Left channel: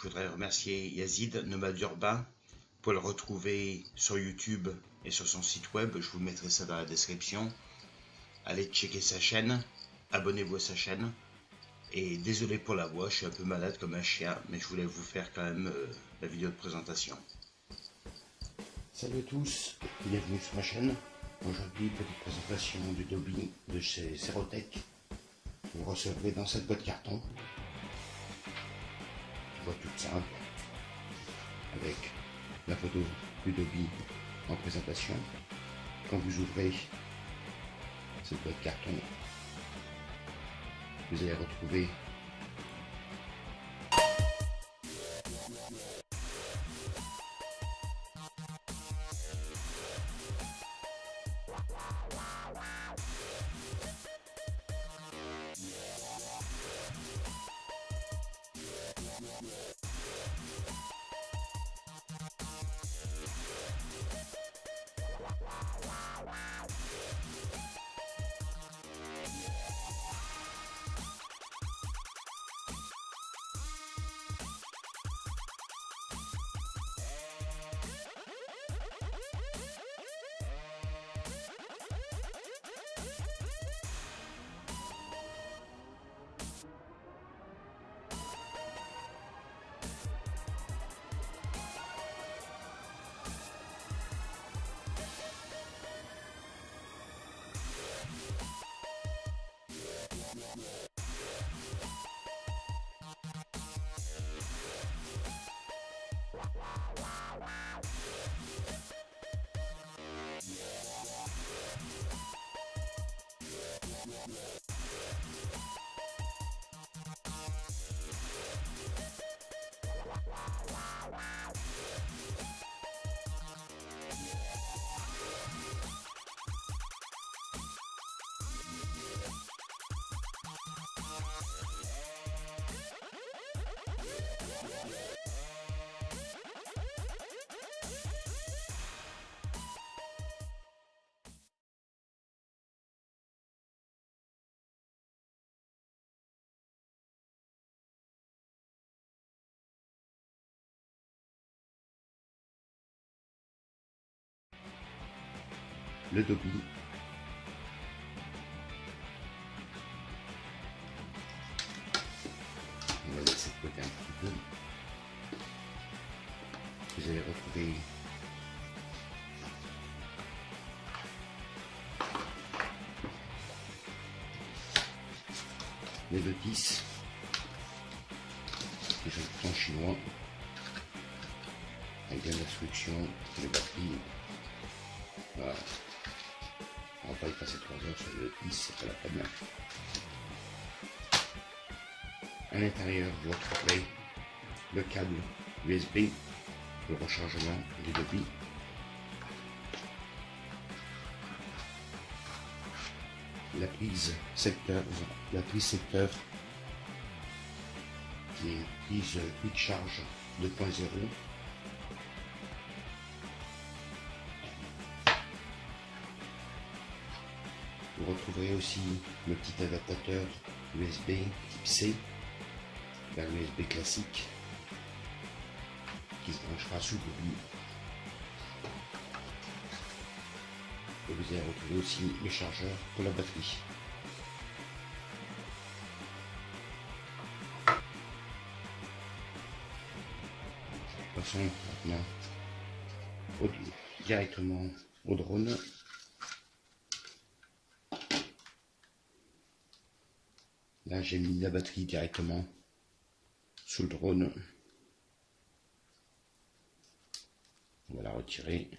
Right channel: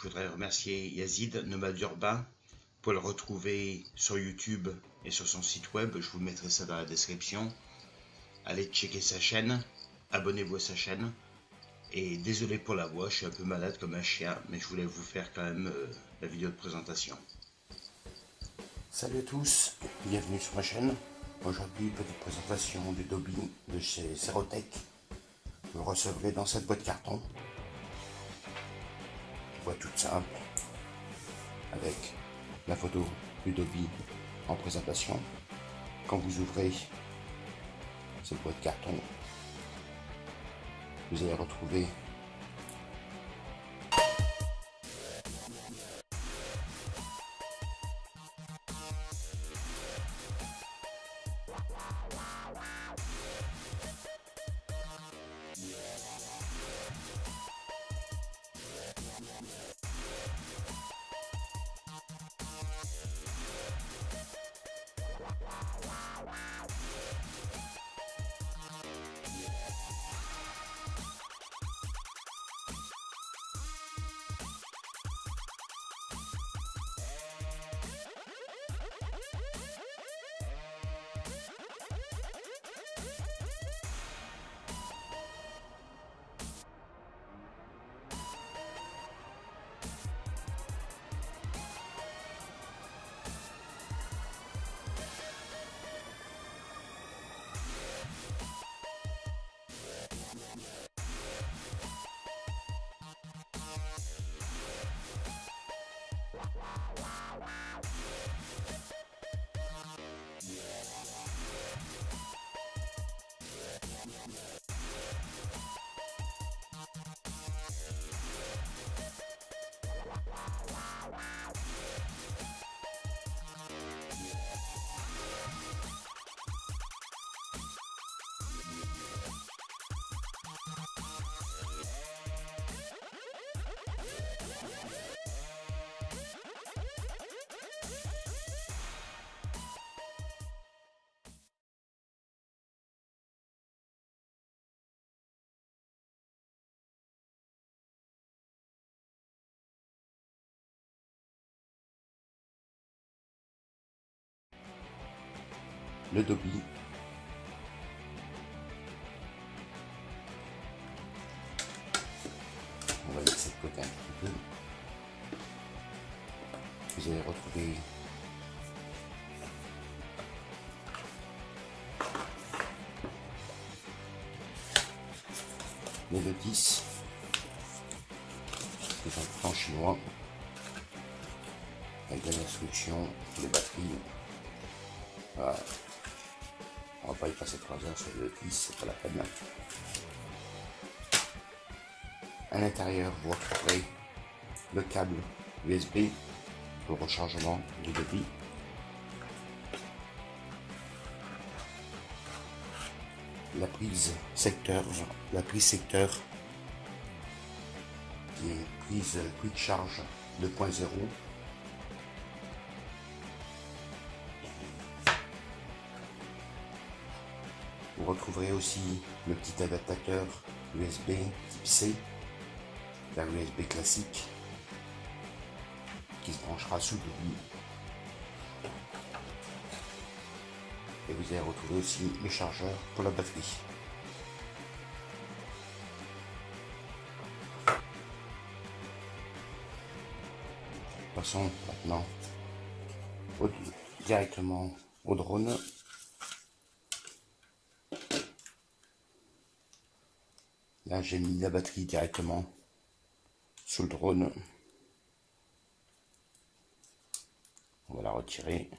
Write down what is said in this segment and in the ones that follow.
Je voudrais remercier Yazid, nomade urbain. Pour le retrouver sur YouTube et sur son site web, je vous mettrai ça dans la description. Allez checker sa chaîne, abonnez-vous à sa chaîne. Et désolé pour la voix, je suis un peu malade comme un chien, mais je voulais vous faire quand même la vidéo de présentation. Salut à tous, bienvenue sur ma chaîne. Aujourd'hui, petite présentation du Dobby de chez Serotech. Vous le recevrez dans cette boîte carton. Une boîte toute simple, avec la photo du Dobby en présentation. Quand vous ouvrez cette boîte carton, vous allez retrouver le Dobby. On va laisser de côté un petit peu. Vous allez retrouver les notices qui sont en chinois avec des instructions, les batteries. Voilà. On va pas y passer 3 heures sur le notice, c'est pas la peine. À l'intérieur, vous retrouverez le câble USB pour le rechargement du Dobby. La prise secteur qui est prise quick charge 2.0. Vous retrouverez aussi le petit adaptateur USB type C vers l'USB classique qui se branchera sous le Dobby. Et vous allez retrouver aussi le chargeur pour la batterie. Passons maintenant directement au drone. Là, j'ai mis la batterie directement sous le drone. On va la retirer.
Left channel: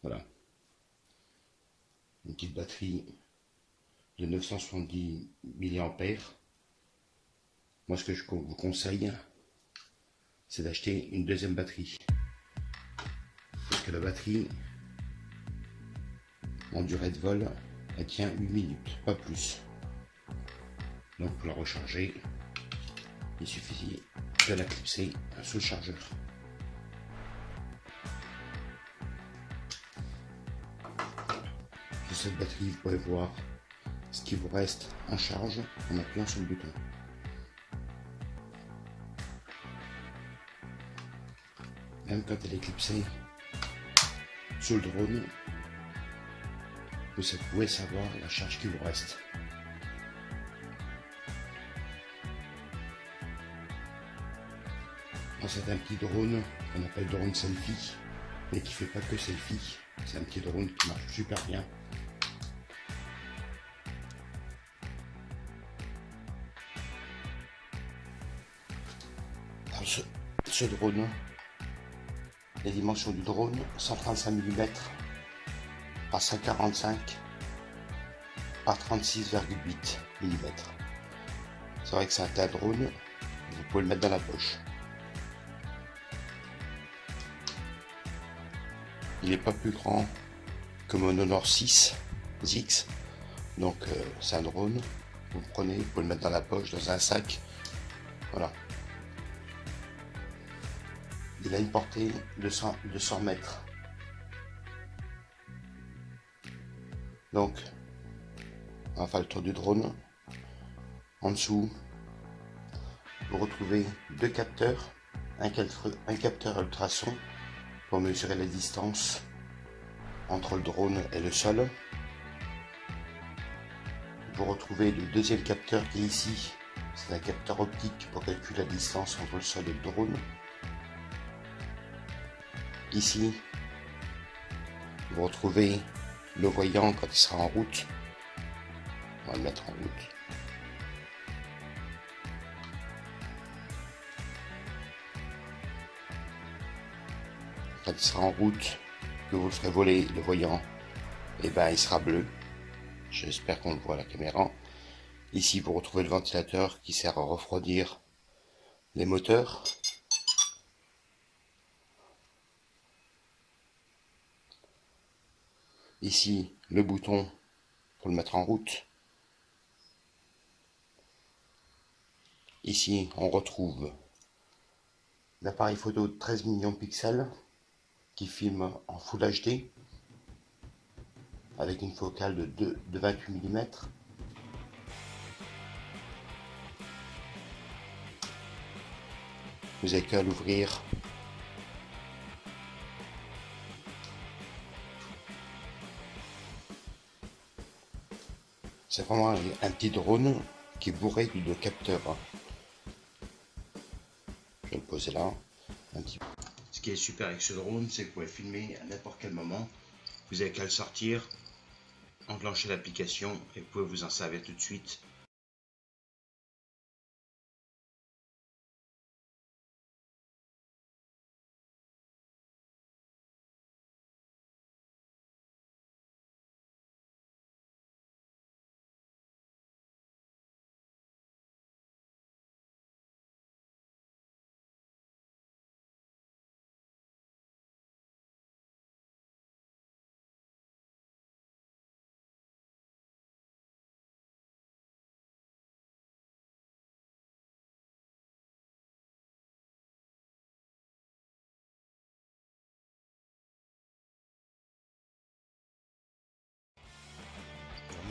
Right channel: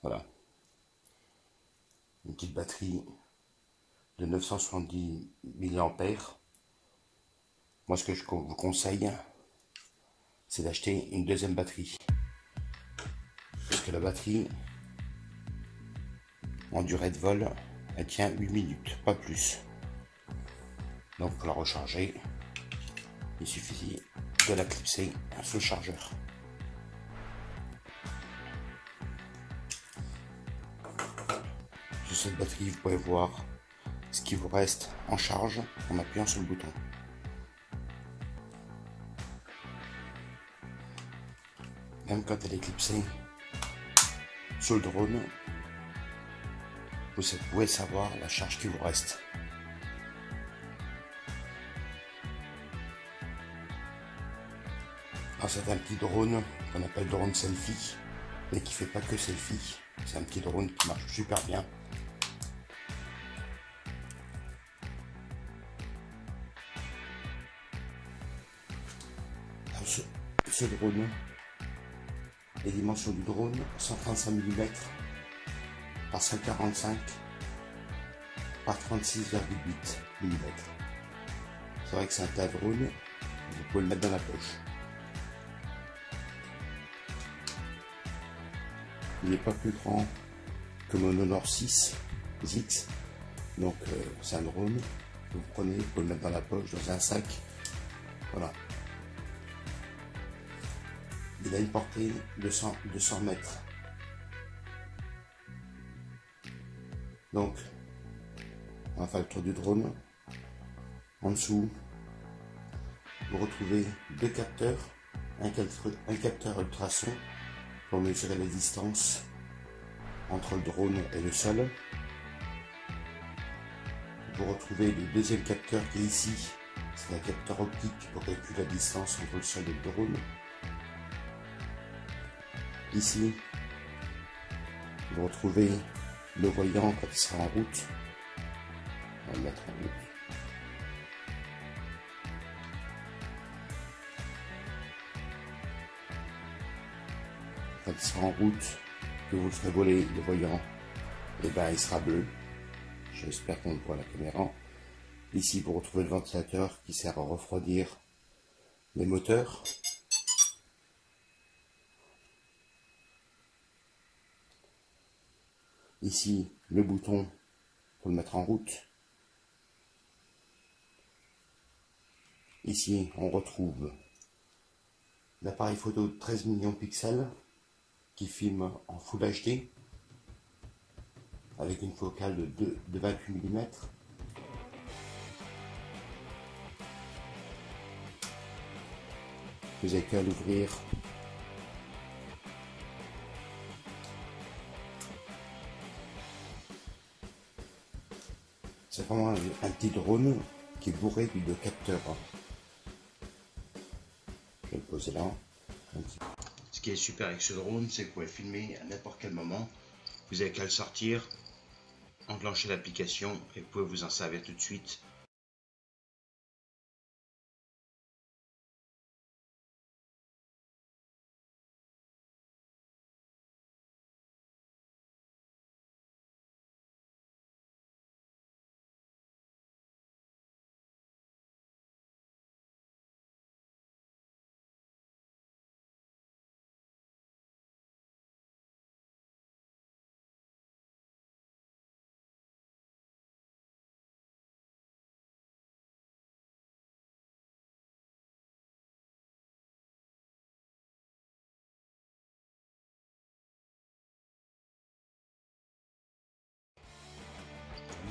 Voilà. Une petite batterie de 970 mAh. Moi, ce que je vous conseille, c'est d'acheter une deuxième batterie. Parce que la batterie, en durée de vol, elle tient 8 minutes, pas plus. Donc pour la recharger, il suffit de la clipser sur le chargeur. Sur cette batterie, vous pouvez voir ce qui vous reste en charge en appuyant sur le bouton. même quand elle est clipsée sur le drone, vous pouvez savoir la charge qui vous reste. Alors c'est un petit drone qu'on appelle drone selfie, mais qui fait pas que selfie. C'est un petit drone qui marche super bien. Alors ce drone, les dimensions du drone, 135 mm par 145 par 36,8 mm. C'est vrai que c'est un tas de drone, vous pouvez le mettre dans la poche. Il n'est pas plus grand que mon Honor 6X, donc c'est un drone, vous le prenez, vous pouvez le mettre dans la poche, dans un sac, voilà. Il a une portée de 200 mètres. Donc, on va faire le tour du drone. En dessous, vous retrouvez deux capteurs, un capteur ultrason pour mesurer la distance entre le drone et le sol. Vous retrouvez le deuxième capteur qui est ici, c'est un capteur optique pour calculer la distance entre le sol et le drone. Ici, vous retrouvez le voyant quand il sera en route. On va le mettre en route. Quand il sera en route, que vous ferez voler le voyant, et ben il sera bleu. J'espère qu'on le voit à la caméra. Ici, vous retrouvez le ventilateur qui sert à refroidir les moteurs. Ici, le bouton pour le mettre en route. Ici, on retrouve l'appareil photo de 13 millions de pixels qui filme en Full HD avec une focale de 28 mm. Vous avez qu'à l'ouvrir. C'est vraiment un petit drone qui est bourré de capteurs. Je vais le poser là. Ce qui est super avec ce drone, c'est que vous pouvez filmer à n'importe quel moment. Vous n'avez qu'à le sortir, enclencher l'application et vous pouvez vous en servir tout de suite.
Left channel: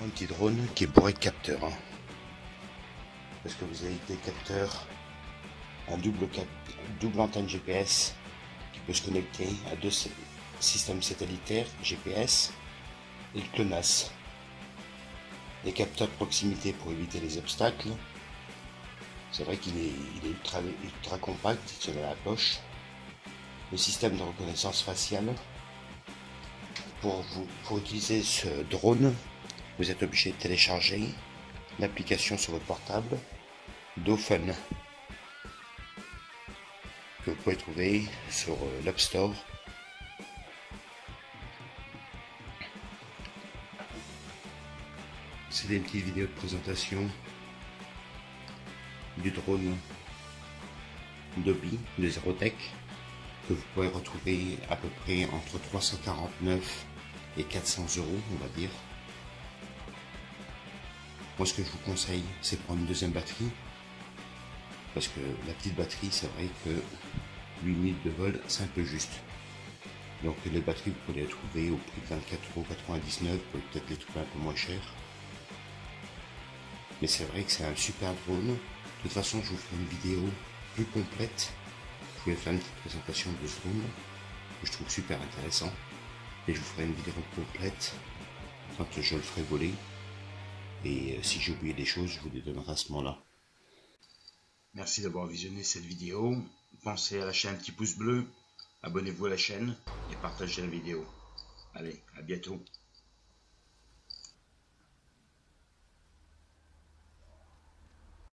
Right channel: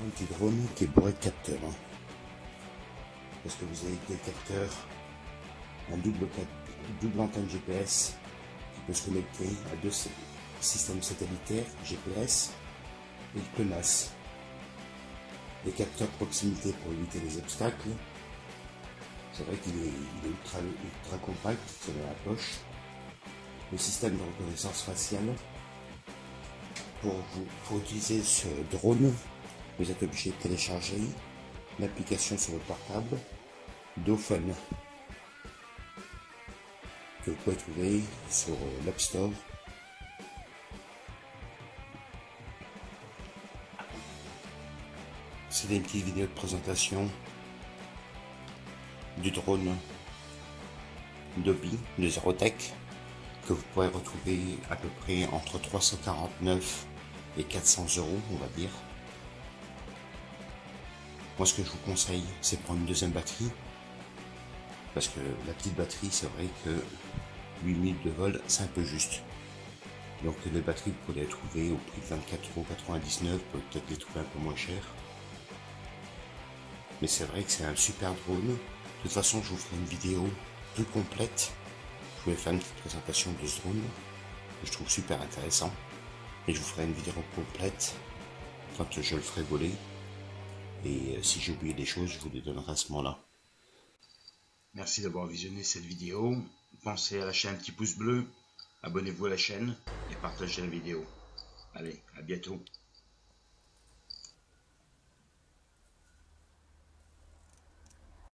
Un petit drone qui est bourré de capteurs. Parce que vous avez des capteurs en double antenne GPS qui peut se connecter à deux systèmes satellitaires GPS et le GLONASS. Les capteurs de proximité pour éviter les obstacles. C'est vrai qu'il est ultra compact, il se met à la poche. Le système de reconnaissance faciale. Pour utiliser ce drone, vous êtes obligé de télécharger l'application sur votre portable DoFun que vous pouvez trouver sur l'App Store. C'est une petite vidéo de présentation du drone Dobby de Zerotech que vous pourrez retrouver à peu près entre 349 et 400 €, on va dire. Moi, ce que je vous conseille, c'est prendre une deuxième batterie, parce que la petite batterie, c'est vrai que 8 minutes de vol, c'est un peu juste. Donc les batteries, vous pouvez les trouver au prix de 24,99 €, vous pouvez peut-être les trouver un peu moins cher. Mais c'est vrai que c'est un super drone. De toute façon, je vous ferai une vidéo plus complète voulais faire une petite présentation de ce drone que je trouve super intéressant. Et je vous ferai une vidéo complète quand je le ferai voler. Et si j'ai oublié des choses, je vous les donnerai à ce moment-là. Merci d'avoir visionné cette vidéo. Pensez à lâcher un petit pouce bleu, abonnez-vous à la chaîne et partagez la vidéo. Allez, à bientôt.